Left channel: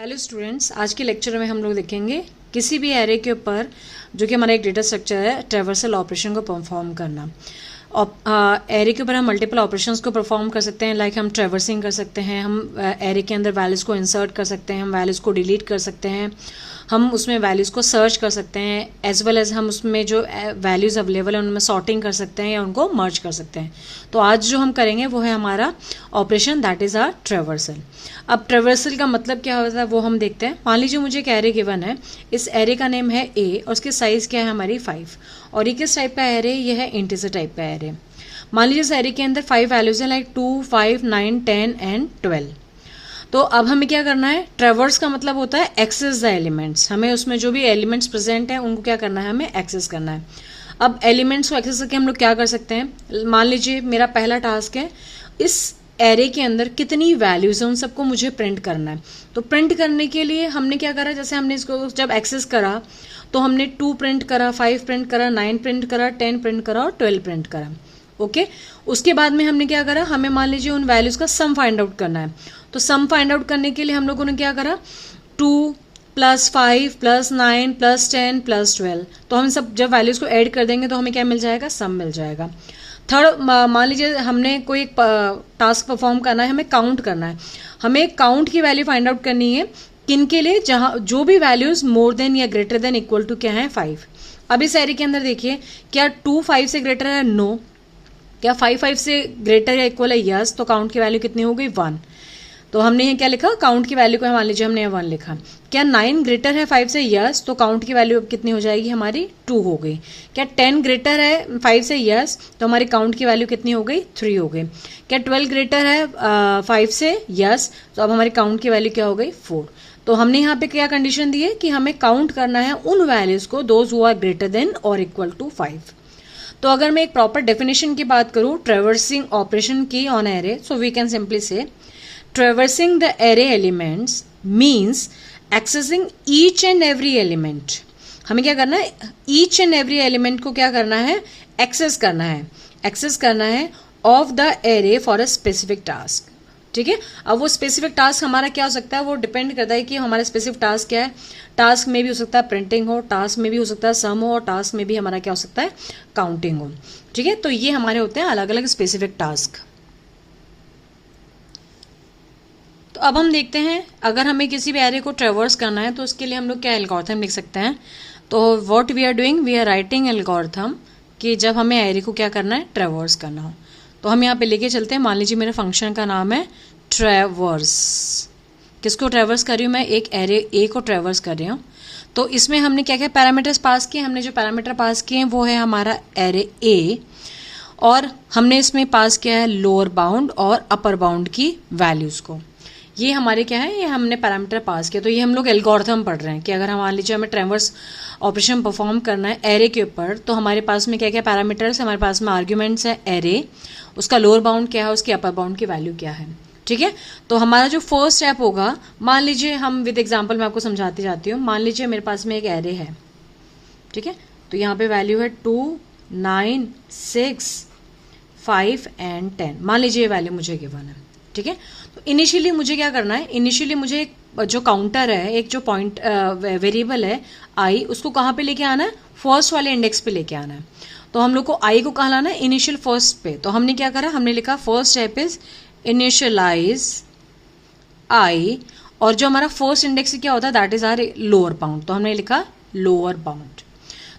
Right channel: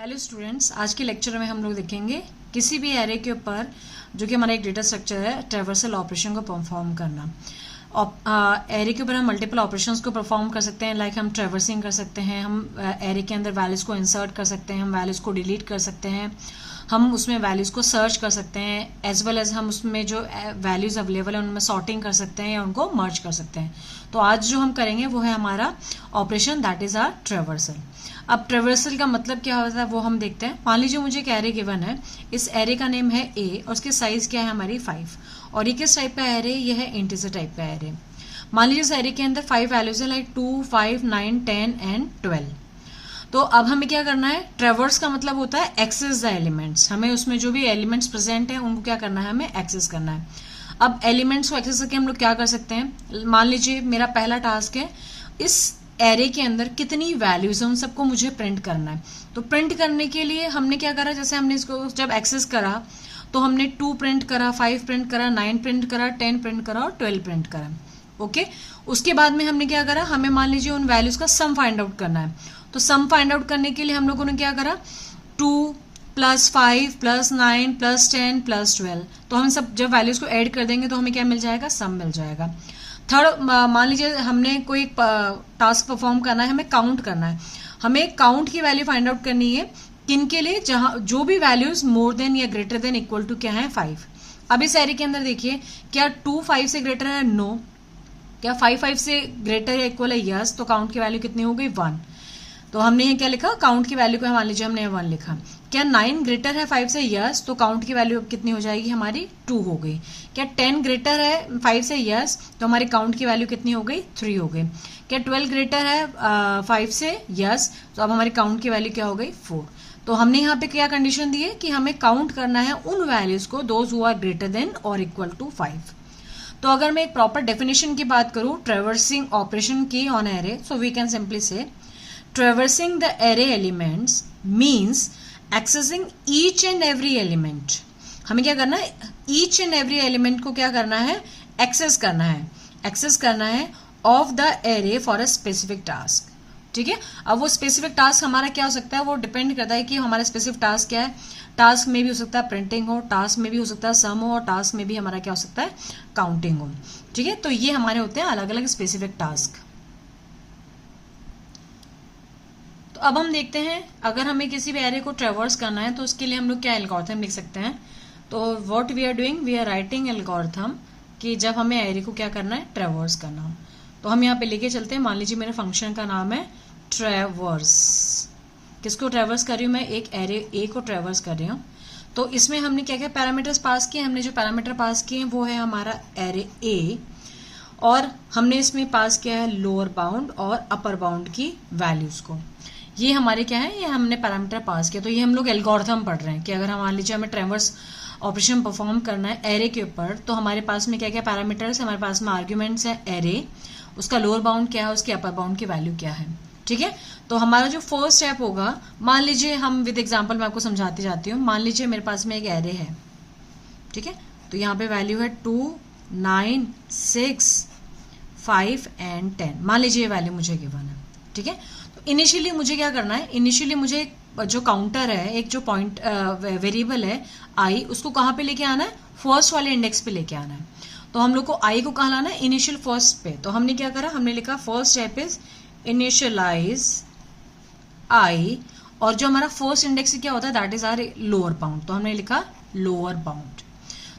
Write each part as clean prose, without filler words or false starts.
Hello students, आज के lecture में हम लोग देखेंगे किसी भी एरे के ऊपर जो कि हमारा एक डेटा स्ट्रक्चर है ट्रैवर्सल ऑपरेशन को परफॉर्म करना। एरे के ऊपर हम मल्टीपल ऑपरेशंस को परफॉर्म कर सकते हैं, लाइक हम ट्रैवर्सिंग कर सकते हैं, हम एरे के अंदर वैल्यूज को इंसर्ट कर सकते हैं, हम वैल्यूज को डिलीट कर सकते हैं, हम उसमें वैल्यूज को सर्च कर सकते हैं, एज वेल एज हम उसमें जो वैल्यूज अवेलेबल है उनमें सॉर्टिंग कर सकते हैं या उनको मर्ज कर सकते हैं। तो आज जो हम करेंगे वो है हमारा operation, that is our traversal. अब ट्रैवर्सल का मतलब क्या होता है वो हम देखते हैं। मान लीजिए मुझे एक एरे गिवन है, इस एरे का नेम है ए और उसकी साइज क्या है हमारी 5, और ये किस टाइप का एरे, ये है इंटीजर टाइप का एरे। मान लीजिए इस एरे के अंदर 5 वैल्यूज है, लाइक 2, 5, 9, 10 एंड 12। तो अब हमें क्या करना है, ट्रैवर्स का मतलब होता है एक्सेस द एलिमेंट्स। हमें उसमें जो भी एलिमेंट्स प्रेजेंट हैं उनको क्या करना है, हमें एक्सेस करना है। अब एलिमेंट्स को एक्सेस करके हम लोग क्या कर सकते हैं, मान लीजिए मेरा पहला टास्क है इस एरे के अंदर कितनी वैल्यूज है उन सबको मुझे प्रिंट करना है। तो प्रिंट करने के लिए हमने क्या करा, जैसे हमने इसको जब एक्सेस करा तो हमने 2 प्रिंट करा, 5 प्रिंट करा, 9 प्रिंट करा, 10 प्रिंट करा और 12 प्रिंट करा। ओके, उसके बाद में हमने क्या करा, हमें मान लीजिए उन वैल्यूज का सम फाइंड आउट करना है। तो सम फाइंड आउट करने के लिए हम लोगों ने क्या करा, 2 + 5 + 9 + 10 + 12। तो हम सब जब वैल्यूज को ऐड कर देंगे तो हमें क्या मिल जाएगा, सम मिल जाएगा। थर्ड, मान लीजिए हमने कोई टास्क परफॉर्म करना है, हमें काउंट करना है। हमें काउंट की वैल्यू फाइंड आउट करनी है किन के लिए, जहां जो भी वैल्यूज मोर देन या ग्रेटर देन इक्वल टू क्या है 5। अब इस एरे के अंदर देखिए, क्या 2 5 से ग्रेटर है, नो। क्या 5 5 से ग्रेटर या इक्वल है, यस। तो काउंट की वैल्यू कितनी हो गई, 1। तो हमने ये क्या लिखा, काउंट की वैल्यू को मान लीजिए हमने 1 लिखा। क्या 9 ग्रेटर है 5 से, यस। तो काउंट की वैल्यू अब कितनी हो जाएगी हमारी, 2 हो गई। क्या 10 ग्रेटर है 5 से, यस। तो हमारी काउंट की वैल्यू कितनी हो गई, 3 हो गई। क्या 12 ग्रेटर है 5 से, यस। तो अब हमारी काउंट की वैल्यू क्या हो गई, 4। तो हमने यहाँ पे क्या कंडीशन दी है कि हमें काउंट करना है उन वैल्यूज को, those who are greater than और इक्वल टू 5। तो अगर मैं एक प्रॉपर डेफिनेशन की बात करूं ट्रैवर्सिंग ऑपरेशन की on array, so we can simply say traversing the array elements means accessing each and every element। हमें क्या करना है, each and every element को क्या करना है, एक्सेस करना है of the array for a specific task। ठीक है, अब वो स्पेसिफिक टास्क हमारा क्या हो सकता है, वो डिपेंड करता है कि हमारा स्पेसिफिक टास्क क्या है। टास्क में भी हो सकता है प्रिंटिंग हो, टास्क में भी हो सकता है सम हो, और टास्क में भी हमारा क्या हो सकता है, काउंटिंग हो। ठीक है, तो ये हमारे होते हैं अलग अलग स्पेसिफिक टास्क। तो अब हम देखते हैं, अगर हमें किसी भी एरे को ट्रैवर्स करना है तो उसके लिए हम लोग क्या एल्गोरिथम लिख सकते हैं। तो what we are doing, we are writing algorithm कि जब हमें एरे को क्या करना है, ट्रैवर्स करना हो। तो हम यहाँ पे लेके चलते हैं, मान लीजिए मेरे फंक्शन का नाम है ट्रैवर्स। किसको ट्रैवर्स कर रही हूँ मैं, एक एरे ए को ट्रैवर्स कर रही हूँ। तो इसमें हमने क्या क्या पैरामीटर्स पास किए, हमने जो पैरामीटर पास किए हैं वो है हमारा एरे ए, और हमने इसमें पास किया है लोअर बाउंड और अपर बाउंड की वैल्यूज को। ये हमारे क्या है, ये हमने पैरामीटर पास किया। तो ये हम लोग एल्गोरिथम पढ़ रहे हैं कि अगर हम मान लीजिए हमें ट्रैवर्स ऑपरेशन परफॉर्म करना है एरे के ऊपर, तो हमारे पास में क्या क्या पैरामीटर्स है, हमारे पास में आर्ग्यूमेंट्स है एरे, उसका लोअर बाउंड क्या है, उसकी अपर बाउंड की वैल्यू क्या है। ठीक है, तो हमारा जो फर्स्ट स्टेप होगा, मान लीजिए हम विद एग्जाम्पल मैं आपको समझाती जाती हूँ। मान लीजिए मेरे पास में एक एरे है, ठीक है, तो यहाँ पे वैल्यू है 2, 9, 6, 5 एंड 10। मान लीजिए ये वैल्यू मुझे गिवन है। ठीक है, तो इनिशियली मुझे क्या करना है, इनिशियली मुझे एक जो काउंटर है, एक जो पॉइंट वेरिएबल है आई, उसको कहाँ पे लेके आना है, फर्स्ट वाले इंडेक्स पे लेके आना है। तो हम लोग को आई को कहाँ लाना है, इनिशियल फर्स्ट पे। तो हमने क्या करा, हमने लिखा first step is initialise I, और जो हमारा फर्स्ट इंडेक्स क्या होता है, that is our lower bound. तो हमने लिखा लोअर बाउंड।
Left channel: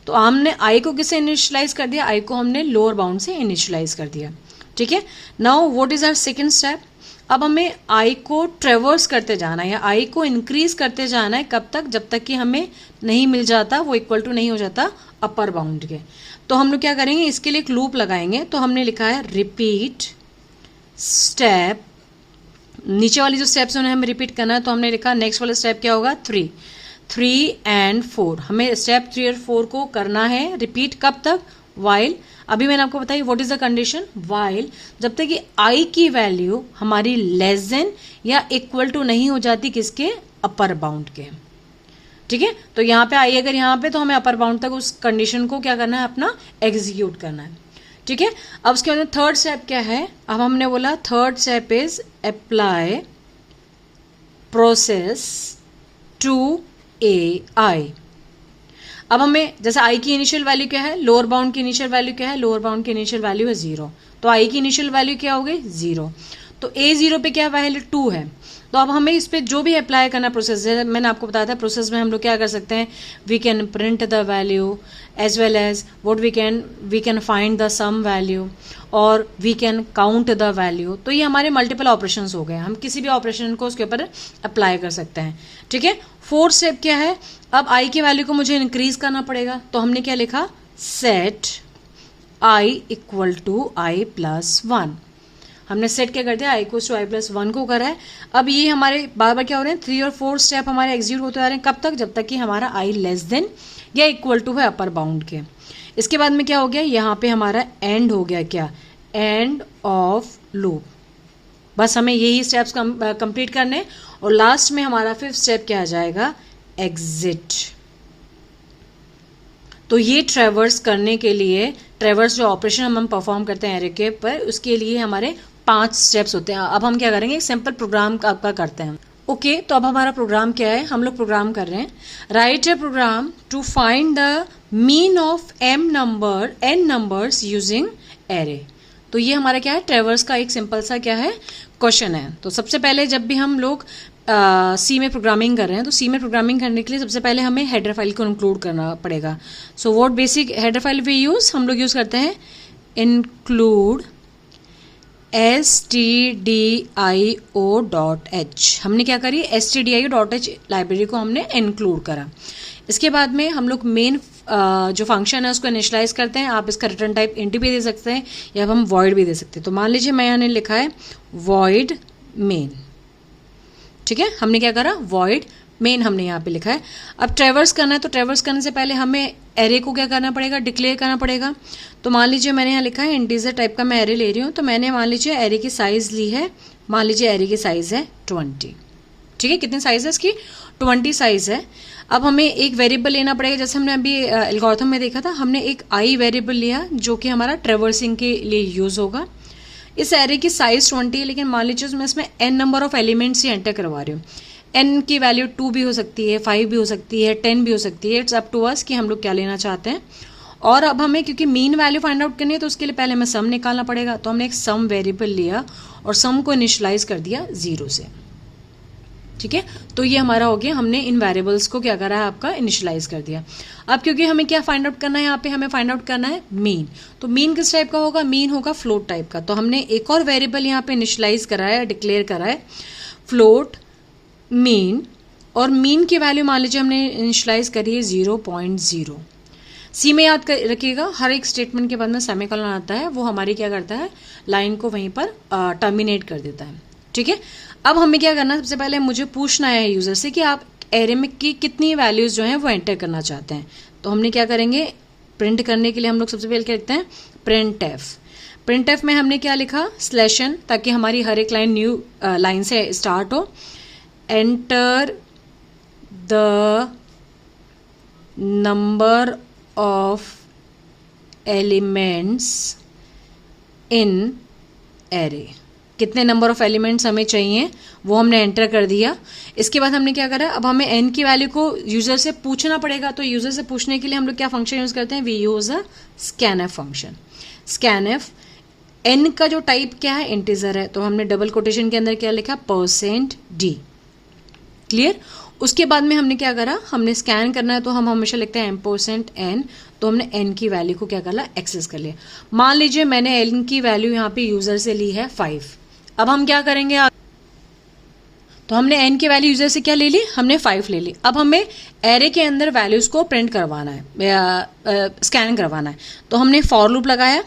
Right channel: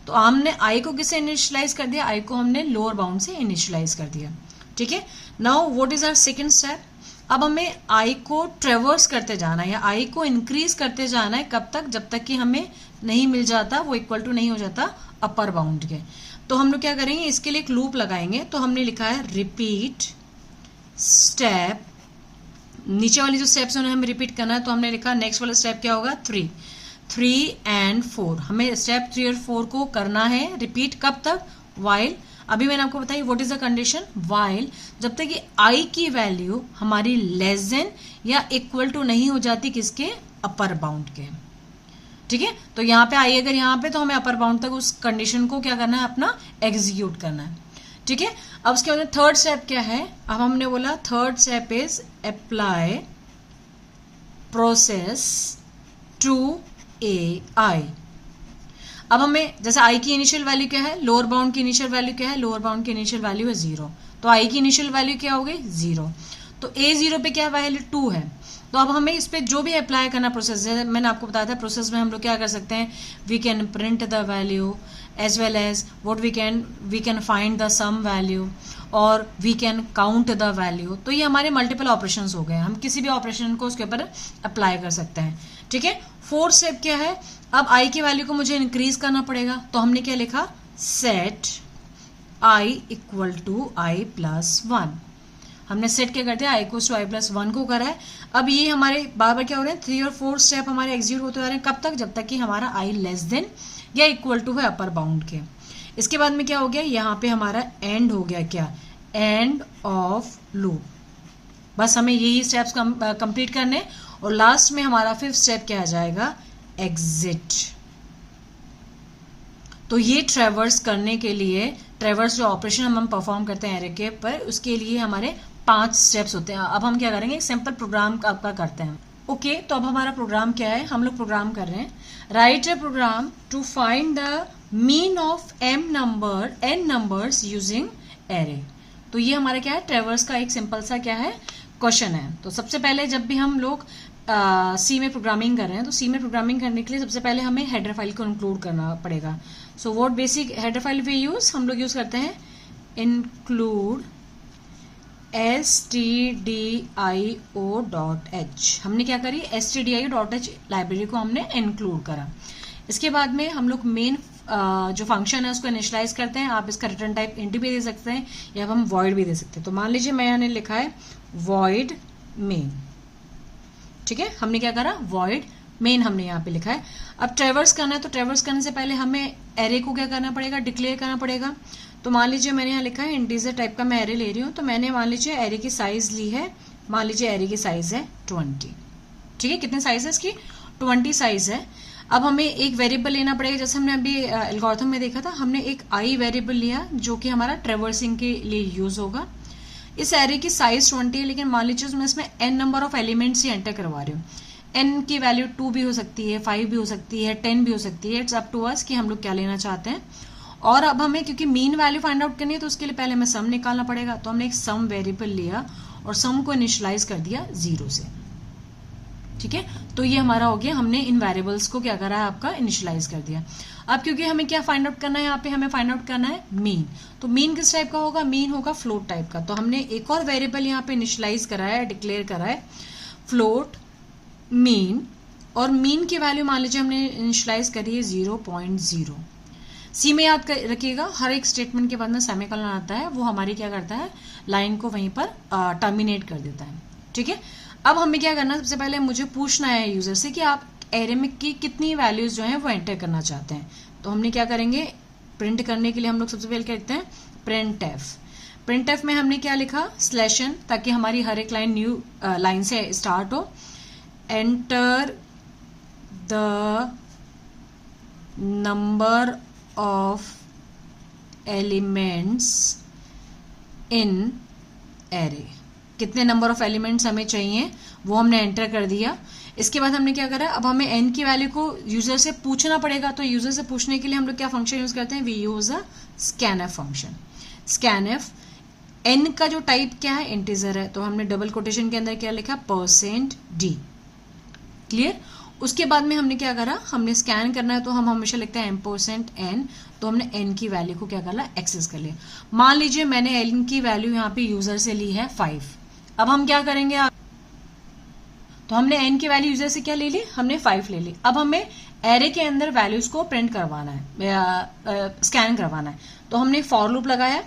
तो हमने आई को किससे इनिशियलाइज कर दिया, आई को हमने लोअर बाउंड से इनिशियलाइज कर दिया। ठीक है, now what is our second step, अब हमें आई को ट्रैवर्स करते जाना है या आई को इंक्रीज करते जाना है। कब तक, जब तक कि हमें नहीं मिल जाता, वो इक्वल टू नहीं हो जाता अपर बाउंड के। तो हम लोग क्या करेंगे, इसके लिए एक लूप लगाएंगे। तो हमने लिखा है रिपीट स्टेप, नीचे वाली जो स्टेप्स उन्हें हमें रिपीट करना है। तो हमने लिखा नेक्स्ट वाला स्टेप क्या होगा, 3 एंड 4। हमें स्टेप 3 और 4 को करना है रिपीट, कब तक, वाइल, अभी मैंने आपको बताई what is the condition, while, जब तक कि आई की वैल्यू हमारी लेस देन या इक्वल टू नहीं हो जाती किसके, अपर बाउंड के। ठीक है, तो यहाँ पे आई अगर यहाँ पे, तो हमें अपर बाउंड तक उस कंडीशन को क्या करना है, अपना एग्जीक्यूट करना है। ठीक है, अब उसके बाद थर्ड स्टेप क्या है, अब हमने बोला third step is apply process 2ai। अब हमें जैसे आई की इनिशियल वैल्यू क्या है, लोअर बाउंड की इनिशियल वैल्यू क्या है, लोअर बाउंड की इनिशियल वैल्यू है 0, तो आई की इनिशियल वैल्यू क्या हो गई 0, तो a0 पे क्या वैल्यू 2 है। तो अब हमें इस पे जो भी अप्लाई करना प्रोसेस है, मैंने आपको बताया था प्रोसेस में हम लोग क्या कर सकते हैं, we can print the value as well as what we can find the sum value और we can count the value. तो ये हमारे मल्टीपल ऑपरेशंस हो गए, हम किसी भी ऑपरेशन को उसके ऊपर अप्लाई कर सकते हैं। ठीक है, फोर्थ स्टेप क्या है, अब आई की वैल्यू को मुझे इंक्रीज करना पड़ेगा, तो हमने क्या लिखा, set I equal to I plus 1। हमने सेट क्या कर दिया, I equal to I plus 1 को करा है। अब ये हमारे बार बार क्या हो रहे हैं, 3 और 4 स्टेप हमारे एग्जीक्यूट होते आ रहे हैं, कब तक, जब तक कि हमारा आई लेस देन या इक्वल टू है अपर बाउंड के। इसके बाद में क्या हो गया, यहाँ पे हमारा एंड हो गया, क्या, एंड ऑफ लूप। बस हमें यही स्टेप्स कंप्लीट करने, और लास्ट में हमारा 5th स्टेप क्या आ जाएगा, एग्जिट। तो ये ट्रेवर्स करने के लिए, ट्रेवर्स जो ऑपरेशन हम परफॉर्म करते हैं एरे के पर, उसके लिए हमारे 5 स्टेप्स होते हैं। अब हम क्या करेंगे, एक सिंपल प्रोग्राम आपका करते हैं। ओके, तो अब हमारा प्रोग्राम क्या है, हम लोग प्रोग्राम कर रहे हैं, write a program to find the mean of n numbers using array. तो ये हमारा क्या है, ट्रेवर्स का एक सिंपल सा क्या है, क्वेश्चन है। तो सबसे पहले जब भी हम लोग सी में प्रोग्रामिंग कर रहे हैं, तो सी में प्रोग्रामिंग करने के लिए सबसे पहले हमें हेडर फाइल को इंक्लूड करना पड़ेगा। So what basic header file we use, हम लोग यूज करते हैं इंक्लूड stdio.h। हमने क्या करी, stdio.h लाइब्रेरी को हमने इंक्लूड करा। इसके बाद में हम लोग मेन जो फंक्शन है उसको इनिशियलाइज करते हैं। आप इसका रिटर्न टाइप इंट भी दे सकते हैं या हम वॉइड भी दे सकते हैं। तो मान लीजिए मैं यहाँ लिखा है वॉइड मेन, ठीक है, हमने क्या करा, वॉइड मेन हमने यहाँ पे लिखा है। अब ट्रेवर्स करना है, तो ट्रेवर्स करने से पहले हमें एरे को क्या करना पड़ेगा, डिक्लेयर करना पड़ेगा। तो मान लीजिए मैंने यहाँ लिखा है इंटीजर टाइप का मैं एरे ले रही हूँ, तो मैंने मान लीजिए एरे की साइज ली है, मान लीजिए एरे की साइज है 20, ठीक है, कितनी साइज है इसकी, 20 साइज है। अब हमें एक वेरिएबल लेना पड़ेगा, जैसे हमने अभी एल्गोरिथम में देखा था, हमने एक आई वेरिएबल लिया जो कि हमारा ट्रेवर्सिंग के लिए यूज होगा। इस एरे की साइज 20 है, लेकिन मान लीजिए मैं इसमें n number of elements he enter करवा रही हूँ। n की वैल्यू 2 भी हो सकती है, 5 भी हो सकती है, 10 भी हो सकती है, इट्स अप टू अस कि हम लोग क्या लेना चाहते हैं। और अब हमें क्योंकि मीन वैल्यू फाइंड आउट करनी है, तो उसके लिए पहले हमें सम निकालना पड़ेगा। तो हमने एक सम वेरिएबल लिया और सम को इनिशियलाइज कर दिया 0 से, ठीक है। तो ये हमारा हो गया, हमने इन वेरिएबल्स को क्या करा है, आपका इनिशियलाइज कर दिया। अब क्योंकि हमें क्या फाइंड आउट करना है, यहाँ पे हमें फाइंड आउट करना है मीन। तो मीन किस टाइप का होगा, मीन होगा फ्लोट टाइप का। तो हमने एक और वेरिएबल यहाँ पे इनिशियलाइज करा है, डिक्लेयर करा है फ्लोट मीन, और मीन की वैल्यू मान लीजिए हमने इनिशियलाइज करी है 0.0। सी में याद रखिएगा, हर एक स्टेटमेंट के बाद में सेमीकोलन आता है, वो हमारी क्या करता है, लाइन को वहीं पर टर्मिनेट कर देता है, ठीक है। अब हमें क्या करना है, सबसे पहले मुझे पूछना है यूजर से कि आप एरे में की कितनी वैल्यूज जो हैं वो एंटर करना चाहते हैं। तो हमने क्या करेंगे, प्रिंट करने के लिए हम लोग सबसे पहले क्या लिखते हैं, प्रिंट एफ। प्रिंट एफ में हमने क्या लिखा, स्लैशन, ताकि हमारी हर एक लाइन न्यू लाइन से स्टार्ट हो। Enter the number of elements in array, कितने नंबर ऑफ एलिमेंट्स हमें चाहिए वो हमने एंटर कर दिया। इसके बाद हमने क्या करा, अब हमें n की वैल्यू को यूजर से पूछना पड़ेगा। तो यूजर से पूछने के लिए हम लोग क्या फंक्शन यूज करते हैं, we use a scanf function. Scanf, n का जो टाइप क्या है, इंटीजर है, तो हमने डबल कोटेशन के अंदर क्या लिखा, %d, क्लियर। उसके बाद में हमने क्या करा, हमने स्कैन करना है, तो हम हमेशा लिखते हैं %n। तो हमने n की वैल्यू को क्या करा, एक्सेस कर लिया। मान लीजिए मैंने n की वैल्यू यहाँ पे यूजर से ली है 5। अब हम क्या करेंगे, तो हमने n की वैल्यू यूजर से क्या ले ली, हमने 5 ले ली। अब हमें एरे के अंदर वैल्यूज को प्रिंट करवाना है, स्कैन करवाना है। तो हमने फॉर लूप लगाया,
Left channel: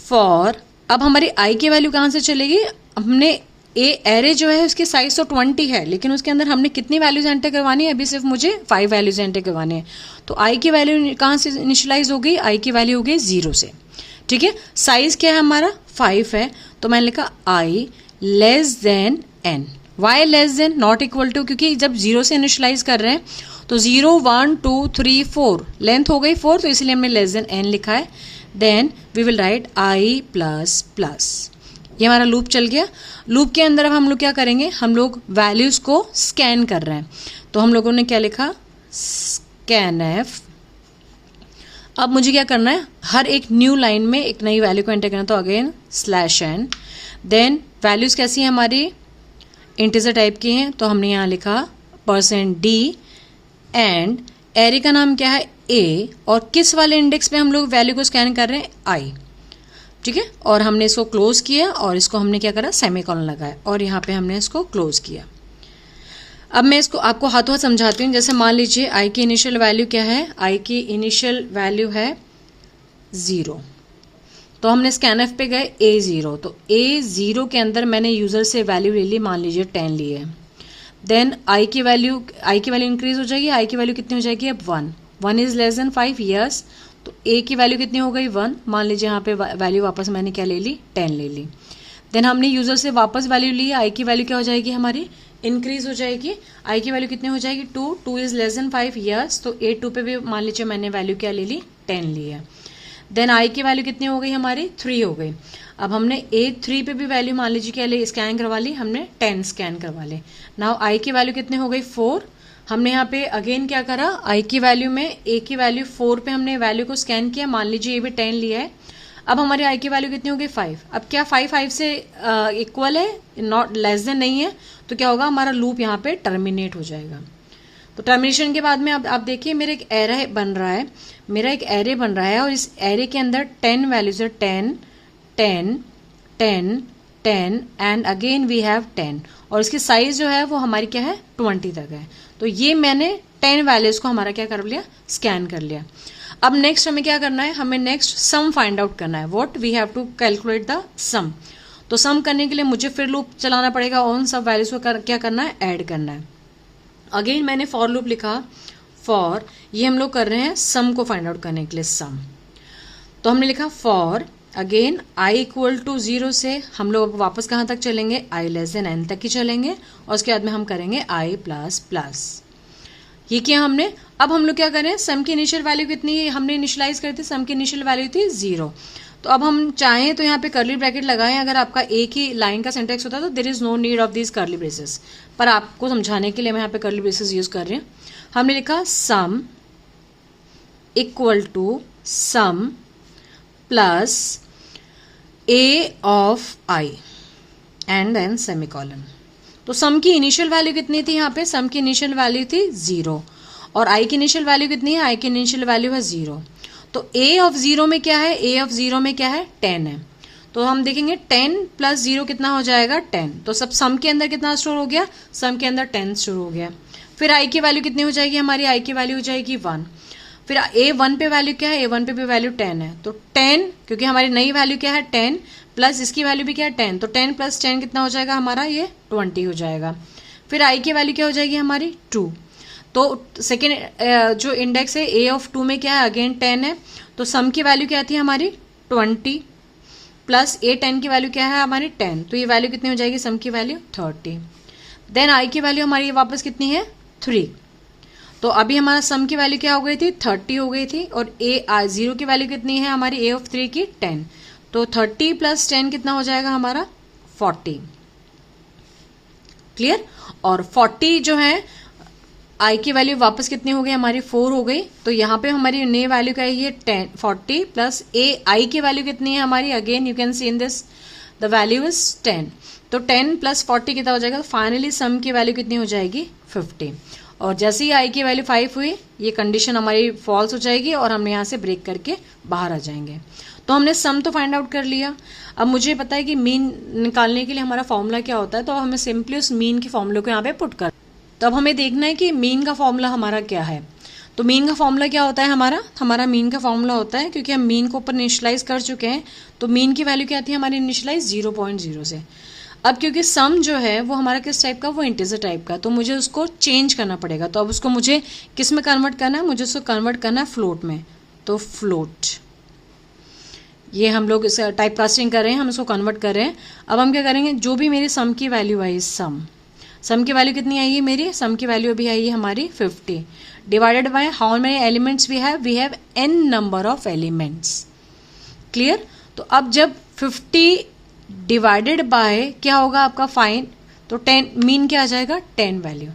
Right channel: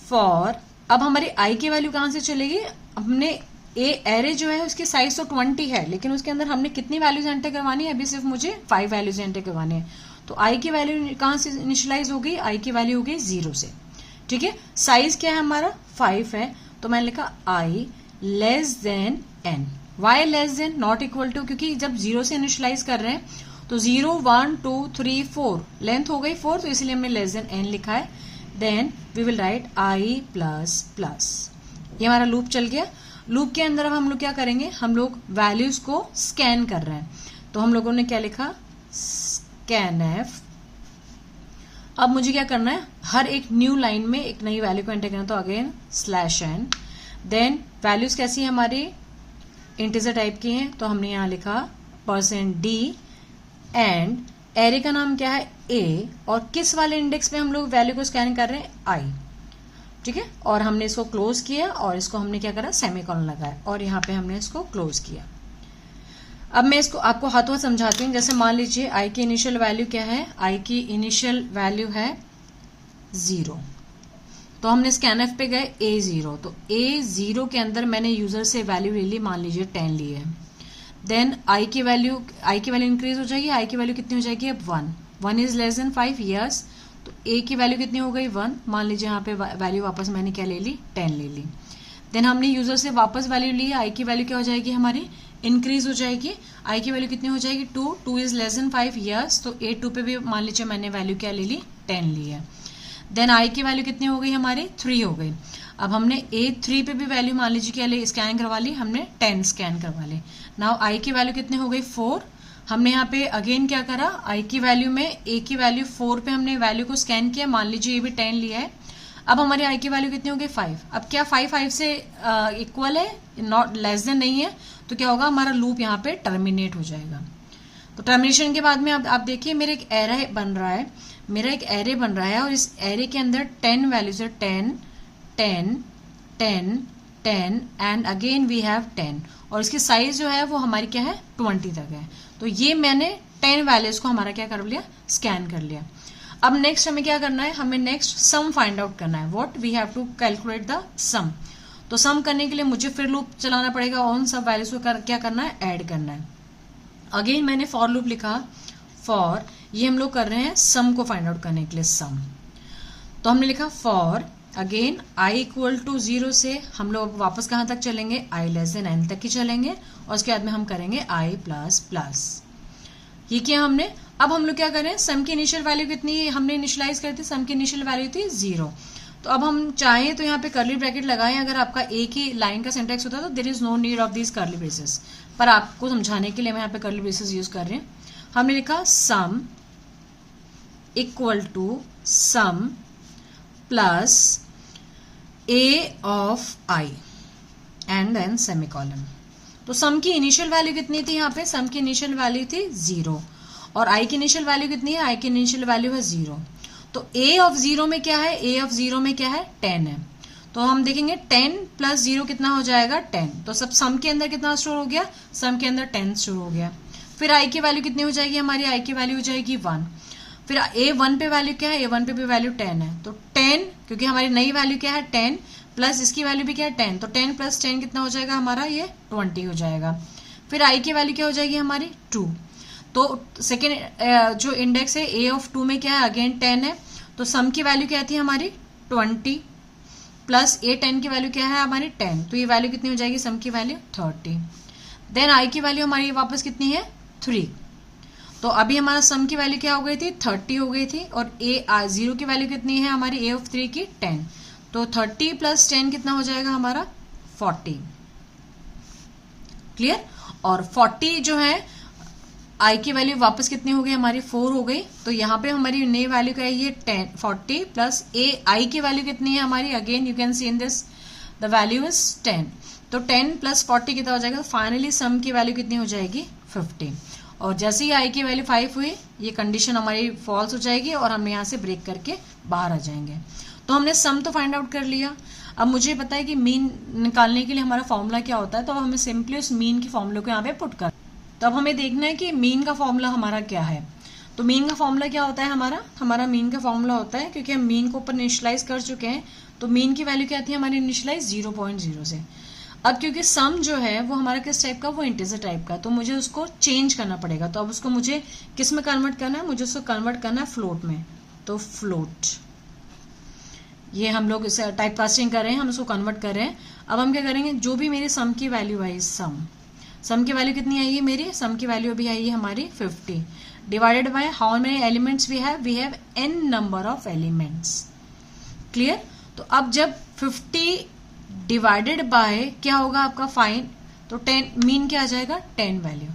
फॉर, अब हमारी i की वैल्यू कहाँ से चलेगी, हमने एरे जो है उसकी साइज तो 20 है, लेकिन उसके अंदर हमने कितनी वैल्यूज एंटर करवानी है, अभी सिर्फ मुझे 5 वैल्यूज एंटर करवानी है। तो i की वैल्यू कहाँ से इनिशियलाइज हो गई, i की वैल्यू हो गई 0 से, ठीक है। साइज क्या है हमारा, 5 है, तो मैंने लिखा i less than n। Y less than, not equal to, क्योंकि जब 0 से इनिशियलाइज कर रहे हैं तो 0 1 2 3 4 लेंथ हो गई 4, तो इसलिए हमने लेस देन n लिखा है। Then we will write i plus plus ये हमारा लूप चल गया। लूप के अंदर अब हम लोग क्या करेंगे, हम लोग वैल्यूज को स्कैन कर रहे हैं। तो हम लोगों ने क्या लिखा, स्कैन एफ। अब मुझे क्या करना है, हर एक न्यू लाइन में एक नई वैल्यू को एंटर करना। तो again slash n, then values कैसी है हमारी, इंटीजर टाइप की हैं। तो हमने यहाँ लिखा %d एंड एरे का नाम क्या है, ए, और किस वाले इंडेक्स पे हम लोग वैल्यू को स्कैन कर रहे हैं, आई। ठीक है, और हमने इसको क्लोज किया और इसको हमने क्या करा, सेमीकोलन लगाया और यहाँ पे हमने इसको क्लोज किया। अब मैं इसको आपको हाथों हाथ समझाती हूँ। जैसे मान लीजिए आई की इनिशियल वैल्यू क्या है, आई की इनिशियल वैल्यू है 0। तो हमने स्कैन एफ पे गए, A0। तो A0 के अंदर मैंने यूजर से वैल्यू ले ली, मान लीजिए 10 ली है। देन आई की वैल्यू इंक्रीज हो जाएगी। आई की वैल्यू कितनी हो जाएगी, अब 1 इज लेस देन 5, यस। तो ए की वैल्यू कितनी हो गई, 1। मान लीजिए यहाँ पे वैल्यू वापस मैंने क्या ले ली, 10 ले ली। देन हमने यूजर से वापस वैल्यू ली, आई की वैल्यू क्या हो जाएगी हमारी, इंक्रीज हो जाएगी। आई की वैल्यू कितनी हो जाएगी, 2 इज लेस देन 5, यस। तो A2 पे भी मान लीजिए मैंने वैल्यू क्या ले ली, 10 ली है। देन आई की वैल्यू कितनी हो गई हमारी, 3 हो गई। अब हमने A3 पे भी वैल्यू मान लीजिए क्या ले, स्कैन करवा ली, हमने 10 स्कैन करवा ली। नाउ आई की वैल्यू कितनी हो गई, 4। हमने यहाँ पे अगेन क्या करा, आई की वैल्यू में ए की वैल्यू 4 पे हमने वैल्यू को स्कैन किया, मान लीजिए ये भी 10 लिया है। अब हमारे आई की वैल्यू कितनी हो गई, 5। अब क्या 5 से इक्वल है, नॉट लेस देन नहीं है, तो क्या होगा, हमारा लूप यहाँ पे टर्मिनेट हो जाएगा। तो टर्मिनेशन के बाद में अब आप देखिए मेरे एक एरे बन रहा है, मेरा एक एरे बन रहा है और इस एरे के अंदर 10 वैल्यूज है, 10 10 10 10 एंड अगेन वी हैव 10, और इसकी साइज जो है वो हमारी क्या है, 20 तक है। तो ये मैंने 10 वैल्यूज को हमारा क्या कर लिया, स्कैन कर लिया। अब नेक्स्ट हमें क्या करना है, हमें नेक्स्ट सम फाइंड आउट करना है। What we have to calculate the sum. तो सम करने के लिए मुझे फिर लूप चलाना पड़ेगा, उन सब वैल्यूज को क्या करना है, ऐड करना है। अगेन मैंने फॉर लूप लिखा, फॉर, ये हम लोग कर रहे हैं सम को फाइंड आउट करने के लिए, सम। तो हमने लिखा for again I equal to 0 से हम लोग वापस कहाँ तक चलेंगे, आई लेस देन n तक ही चलेंगे, और उसके बाद में हम करेंगे आई प्लस प्लस। ये किया हमने। अब हम लोग क्या करें, सम की इनिशियल वैल्यू कितनी हमने इनिशियलाइज करी थी, सम की इनिशियल वैल्यू थी 0। तो अब हम चाहें तो यहाँ पे कर्ली ब्रैकेट लगाएं, अगर आपका एक ही लाइन का सिंटेक्स होता है तो there is no need of this curly braces, पर आपको समझाने के लिए मैं यहाँ पे कर्ली ब्रेसेस यूज कर रही हूँ। हमने लिखा sum equal to sum plus A of I and then semicolon. तो सम की इनिशियल वैल्यू कितनी थी, यहाँ पे सम की इनिशियल वैल्यू थी 0, और आई की इनिशियल वैल्यू कितनी है, आई की इनिशियल वैल्यू है 0। तो ए ऑफ 0 में क्या है, ए ऑफ 0 में क्या है, 10 है। तो हम देखेंगे 10 प्लस 0 कितना हो जाएगा, 10। तो सब सम के अंदर कितना स्टोर हो गया, सम के अंदर 10 स्टोर हो गया। फिर आई की वैल्यू कितनी हो जाएगी हमारी, आई की वैल्यू हो जाएगी 1। फिर A1 पे वैल्यू क्या है, A1 पे भी वैल्यू 10 है। तो 10, क्योंकि हमारी नई वैल्यू क्या है 10, प्लस इसकी वैल्यू भी क्या है 10, तो 10 प्लस 10 कितना हो जाएगा हमारा, ये 20 हो जाएगा। फिर आई की वैल्यू क्या हो जाएगी हमारी 2। तो सेकेंड जो इंडेक्स है A ऑफ 2 में क्या है, अगेन 10 है। तो सम की वैल्यू क्या थी हमारी 20, प्लस A10 की वैल्यू क्या है हमारी 10, तो ये वैल्यू कितनी हो जाएगी, सम की वैल्यू 30। देन आई की वैल्यू हमारी वापस कितनी है 3। तो अभी हमारा सम की वैल्यू क्या हो गई थी, 30 हो गई थी, और A0 की वैल्यू कितनी है हमारी, A ऑफ 3 की 10। तो 30 प्लस 10 कितना हो जाएगा हमारा 40। क्लियर। और 40 जो है आई की वैल्यू वापस कितनी हो गई हमारी 4 हो गई। तो यहाँ पे हमारी नई वैल्यू क्या है 40 प्लस आई की वैल्यू कितनी है हमारी, again you can see in this the value is 10। तो 10 प्लस 40 कितना हो जाएगा, फाइनली सम की वैल्यू कितनी हो जाएगी 50। और जैसे ही आई की वैल्यू 5 हुई, ये कंडीशन हमारी फॉल्स हो जाएगी और हम यहाँ से ब्रेक करके बाहर आ जाएंगे। तो हमने सम तो फाइंड आउट कर लिया। अब मुझे पता है कि मीन निकालने के लिए हमारा फॉर्मूला क्या होता है, तो हमें सिंपली उस मीन के फॉर्मूले को यहाँ पे पुट कर। तो अब हमें देखना है कि मीन का फॉर्मूला हमारा क्या है। तो मीन का फॉर्मूला क्या होता है हमारा मीन का फॉर्मूला होता है, क्योंकि हम मीन को ऊपर इनिशियलाइज कर चुके हैं, तो मीन की वैल्यू क्या थी हमारी इनिशियलाइज 0.0 से। अब क्योंकि सम जो है वो हमारा किस टाइप का, वो इंटीजर टाइप का, तो मुझे उसको चेंज करना पड़ेगा। तो अब उसको मुझे किस में कन्वर्ट करना है, मुझे उसको कन्वर्ट करना है फ्लोट में। तो फ्लोट, ये हम लोग इसे टाइप कास्टिंग कर रहे हैं, हम इसको कन्वर्ट कर रहे हैं। अब हम क्या करेंगे, जो भी मेरी सम की वैल्यू आई, सम की वैल्यू कितनी आई है मेरी, सम की वैल्यू अभी आई है हमारी 50, divided by how many elements we have n number of elements. Clear. तो अब जब 50 डिवाइडेड बाय क्या होगा आपका फाइन, तो 10 मीन क्या आ जाएगा 10 वैल्यू।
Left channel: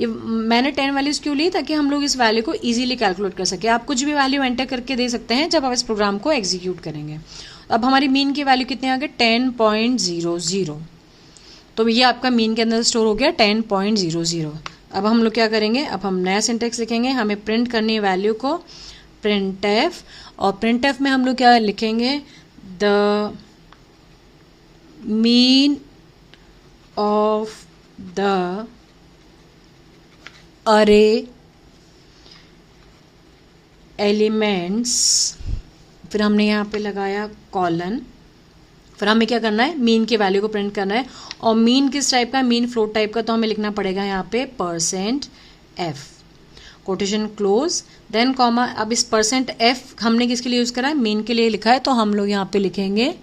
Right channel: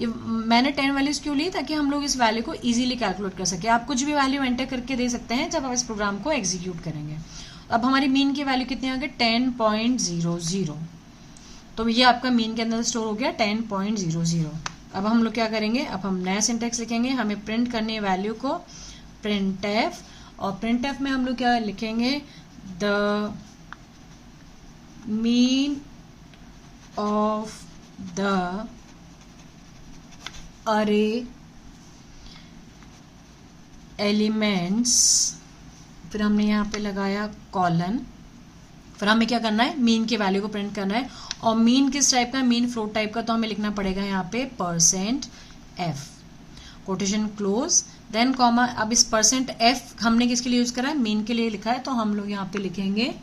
ये मैंने 10 वैल्यूज क्यों ली, ताकि हम लोग इस वैल्यू को इजीली कैलकुलेट कर सके। आप कुछ भी वैल्यू एंटर करके दे सकते हैं जब आप इस प्रोग्राम को एग्जीक्यूट करेंगे। अब हमारी मीन की वैल्यू कितने आ गए 10.00, तो ये आपका मीन के अंदर स्टोर हो गया 10.00। अब हम लोग क्या करेंगे, अब हम नया सिंटेक्स लिखेंगे, हमें प्रिंट करनी है वैल्यू को printf, और printf में हम लोग क्या लिखेंगे, द मीन ऑफ द अरे एलिमेंट्स, फिर हमने यहाँ पे लगाया कॉलन, फिर हमें क्या करना है मीन के वैल्यू को प्रिंट करना है। और मीन किस टाइप का, मीन फ्लोट टाइप का, तो हमें लिखना पड़ेगा यहाँ पे %f, quotation close, then comma. अब इस %f हमने किसके लिए यूज करा है, मीन के लिए लिखा है, तो हम लोग यहाँ पे लिखेंगे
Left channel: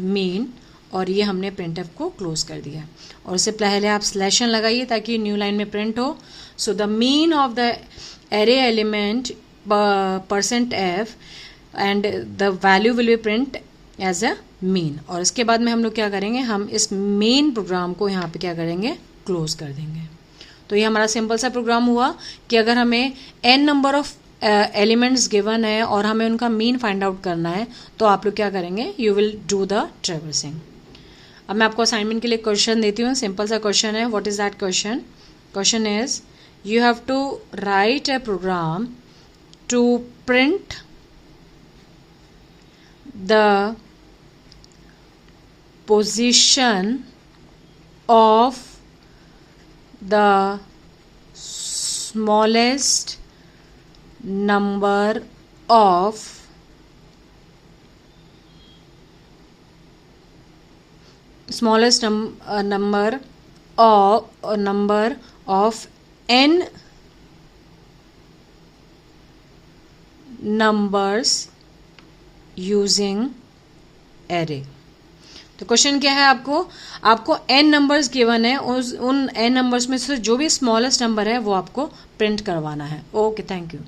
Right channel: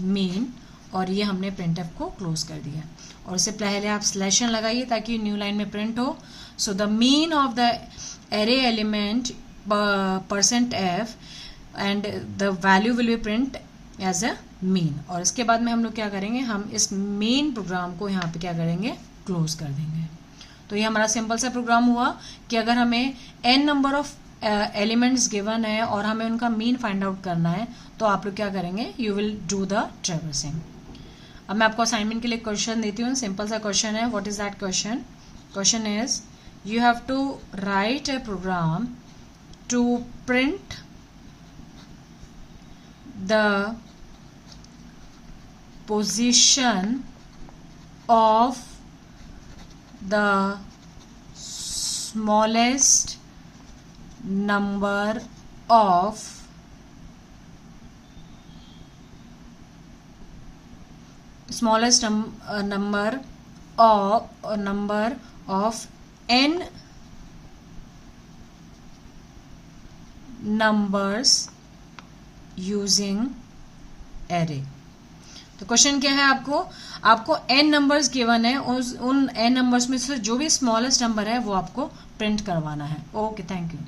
मीन, और ये हमने printf को क्लोज कर दिया। और इससे पहले आप स्लैशन लगाइए ताकि न्यू लाइन में प्रिंट हो। So the mean of the array element %f and the value will be print as a mean. और इसके बाद में हम लोग क्या करेंगे, हम इस मेन प्रोग्राम को यहाँ पे क्या करेंगे, क्लोज कर देंगे। तो ये हमारा सिंपल सा प्रोग्राम हुआ कि अगर हमें n number of elements given है और हमें उनका मीन फाइंड आउट करना है, तो आप लोग क्या करेंगे, you will do the traversing. अब मैं आपको असाइनमेंट के लिए क्वेश्चन देती हूँ, सिंपल सा क्वेश्चन है। What is that question, question is you have to write a program to print the position of the smallest number of number of n numbers using array। तो question क्या है, आपको n numbers given है, उन n numbers में से जो भी स्मॉलेस्ट नंबर है वो आपको प्रिंट करवाना है। Okay, thank you.